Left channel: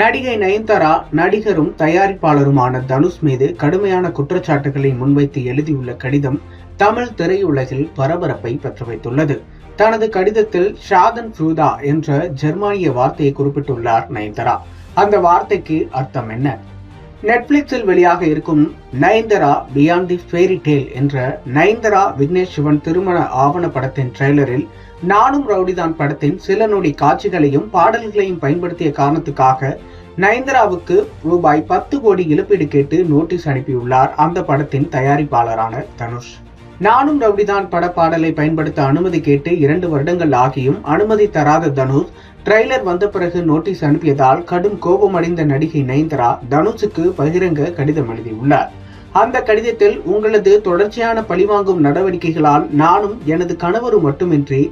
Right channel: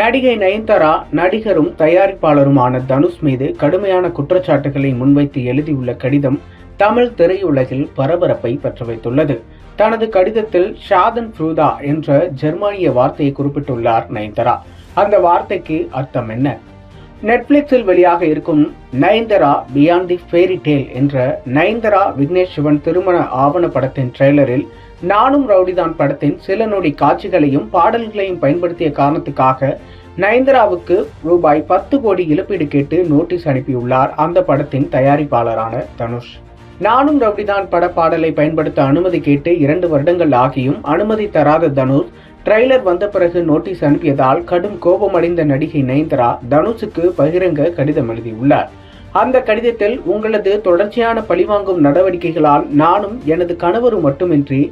நடிகை நயன்தாரா நடிகரும் தயாரிப்பாளருமான தனுஷ் மீது கடுமையான குற்றச்சாட்டுகளை முன்வைத்து எழுதியுள்ள கடிதம் தமிழ் திரையுலகில் பரபரப்பை பற்ற வைத்துள்ளது. தனது கடிதத்தில் ஷாதன் ஃப்ரூதா என்ற ஜெர்மானிய வார்த்தையை குறிப்பிட்டுள்ளார் நயன்தாரா. அந்த வார்த்தைக்கு அர்த்தம் என்ன? நெட்ஃபிளிக்ஸில் வெளியாக இருக்கும் Nayanthara beyond the fairy tale என்ற நயன்தாரா விக்னேஷ் சிவன் திருமண ஆவண படத்தின் ட்ரெய்லரில் நானும் ரவுடிதான் படத்தின் சில நொடி காட்சிகளையும் பாடல்களையும் பயன்படுத்திய காரணத்துக்காக நயன்தாராவுக்கு ரூபாய் 10 கோடி இழப்பீடு கேட்டு நோட்டீஸ் அனுப்பியுள்ளார் அந்த படத்தின் தயாரிப்பாளரான தனுஷ். நானும் ரவுடிதான் பட பாடலை பயன்படுத்த அனுமதி கேட்டு 2 வருடங்கள் ஆகியும் அனுமதி தராத தனுஷ் ட்ரெய்லர் வந்த பிறகு நோட்டீஸ் அனுப்பியதால் கடும் கோபமடைந்த நடிகை நயன்தாரா தனுஷுக்கு பகிரங்க கடிதம் எழுதியுள்ளார். அந்த கடிதத்தில், உங்களது தொடர்ச்சியான பழிவாங்கும் நடவடிக்கைகளால் நானும் எனது கணவரும் மட்டுமின்றி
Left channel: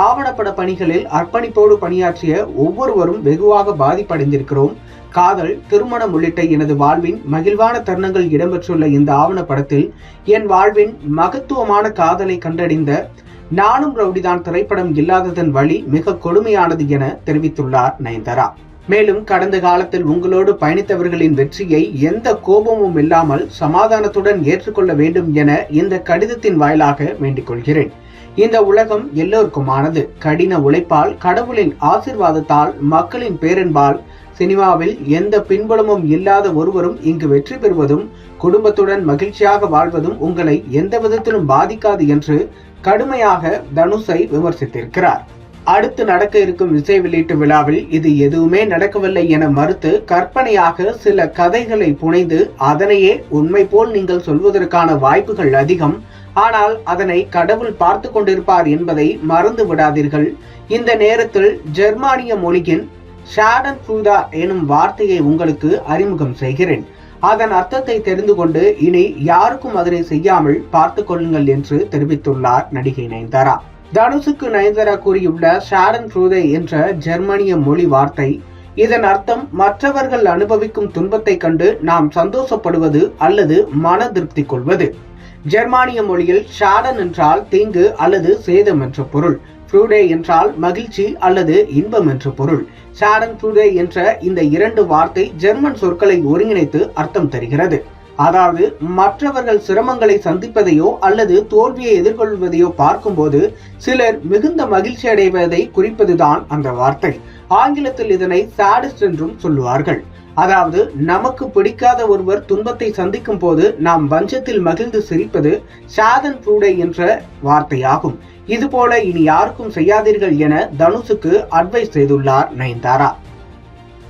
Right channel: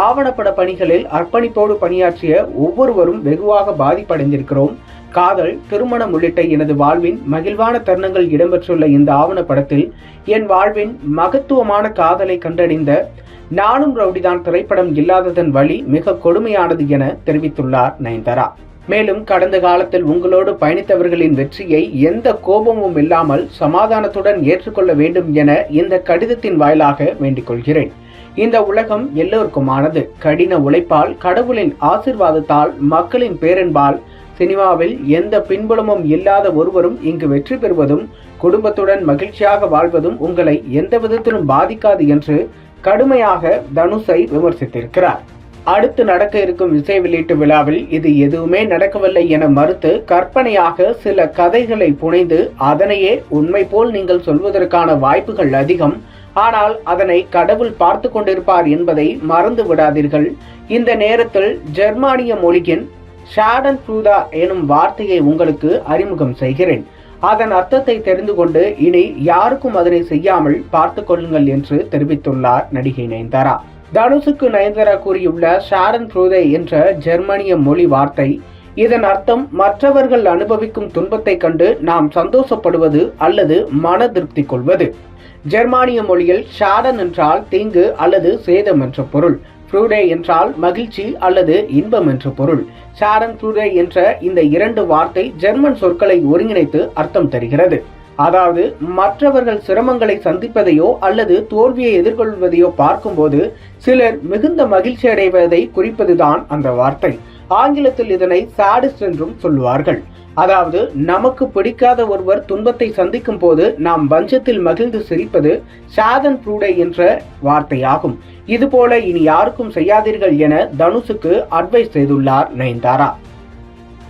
ஆவணப்பட பணிகளில் அர்ப்பணிப்போடு பணியாற்றிய ஒவ்வொருவரும் வெகுவாக பாதிப்படைந்திருக்கிறோம். காதல், திருமணம் உள்ளிட்ட எனது வாழ்வின் மகிழ்வான தருணங்கள் இடம்பெற்றுள்ள இந்த ஆவணப்படத்தில் என் வாழ்வின் மகத்துவமான காதலை கண்டறிந்த நானும் ரவுடிதான் திரைப்படம் இல்லாததன் வழி மிக கொடுமையானது என தெரிவித்துள்ளார் நயன்தாரா. மேலும், கடந்த காலத்தில் உங்களோடு பயணித்தவர்களின் வெற்றியை எந்த கோபமும் இல்லாமல் சமாதானத்துடன் ஏற்றுக்கொள்ள வேண்டும் என இந்த கடிதத்தின் வாயிலாக வேண்டிக் கொள்கிறேன். இந்த உலகம் எல்லோருக்குமானது. கடின உழைப்பால், கடவுளின் ஆசீர்வாதத்தால், மக்களின் பேரன்பால் சினிமாவில் எந்த பின்புலமும் இல்லாத ஒருவரும் இங்கு வெற்றி பெறுவதும் குடும்பத்துடன் மகிழ்ச்சியாக வாழ்வதும் உங்களை எந்த விதத்திலும் பாதிக்காது என்று கடுமையாக தனுஷை விமர்சித்திருக்கிறார். அடுத்து நடக்க இருக்கும் இசை வெளியீட்டு விழாவில் இது எதுவுமே நடக்கவில்லை என மறுத்து கற்பனையாக சில கதைகளை புனைந்து அதனையே உண்மை போல் நீங்கள் சொல்வதற்கான வாய்ப்புகள் அதிகம். ஆனால் அதனை கடவுள் பார்த்து கொண்டிருப்பார் என்பதை மறந்து விடாதீர்கள். இந்த நேரத்தில் ஜெர்மானிய மொழியின் ஷாடன் ஃப்ரூதா எனும் வார்த்தையை உங்களுக்கு அறிமுகம் செய்கிறேன். அதன் அர்த்தத்தை தெரிந்து கொண்டு இனி யாருக்கும் அதனை செய்யாமல் பார்த்து கொள்ளுங்கள் என்று தெரிவித்துள்ளார் நடிகை நயன்தாரா. தனுஷுக்கு நயன்தாரா கூறியுள்ள ஷாடன் ஃப்ரூதே என்ற ஜெர்மனிய மொழி வார்த்தை, இதன் அர்த்தம் மற்றவர்கள் அனுபவிக்கும் துன்பத்தை கண்டு நாம் சந்தோஷப்படுவது அல்லது மன திருப்தி கொள்வது. ஜெர்மானிய மொழியில் ஷாடன் என்றால் தீங்கு அல்லது சேதம் என்ற பொருள். ஃப்ரூடே என்றால் மகிழ்ச்சி அல்லது இன்பம் என்ற பொருள். ஷாடன் ஃப்ரூடே என்ற இந்த 2 வார்த்தை ஜெர்மன் சொற்களை ஒருங்கிணைத்து அர்த்தம் தருகிறது. அதாவது, மற்றவர்கள் சிரமங்களை சந்திப்பதையோ அல்லது தோல்வியை எதிர்கொள்வதையோ பார்க்கும்போது சிலர் மிகுந்த மகிழ்ச்சி அடைவதை குறிப்பதுதான் அந்த வார்த்தை. ஆங்கிலத்தில் இதனை சாடிஸ்ட் என்றும் சொல்லுவார்கள். அதாவது, நமக்கு பிடிக்காத ஒருவர் துன்பத்தை சந்திக்கும் போது நாம் பஞ்சத்தில் மகிழ்ந்து சிரிப்பது ஷாடன் ஃப்ரூடே என்ற வார்த்தையாகும். இதுபோல இனி யாருக்கும் செய்யாதீர்கள் என தனுஷுக்கு அட்வைஸ் செய்துள்ளார் நயன்தாரா.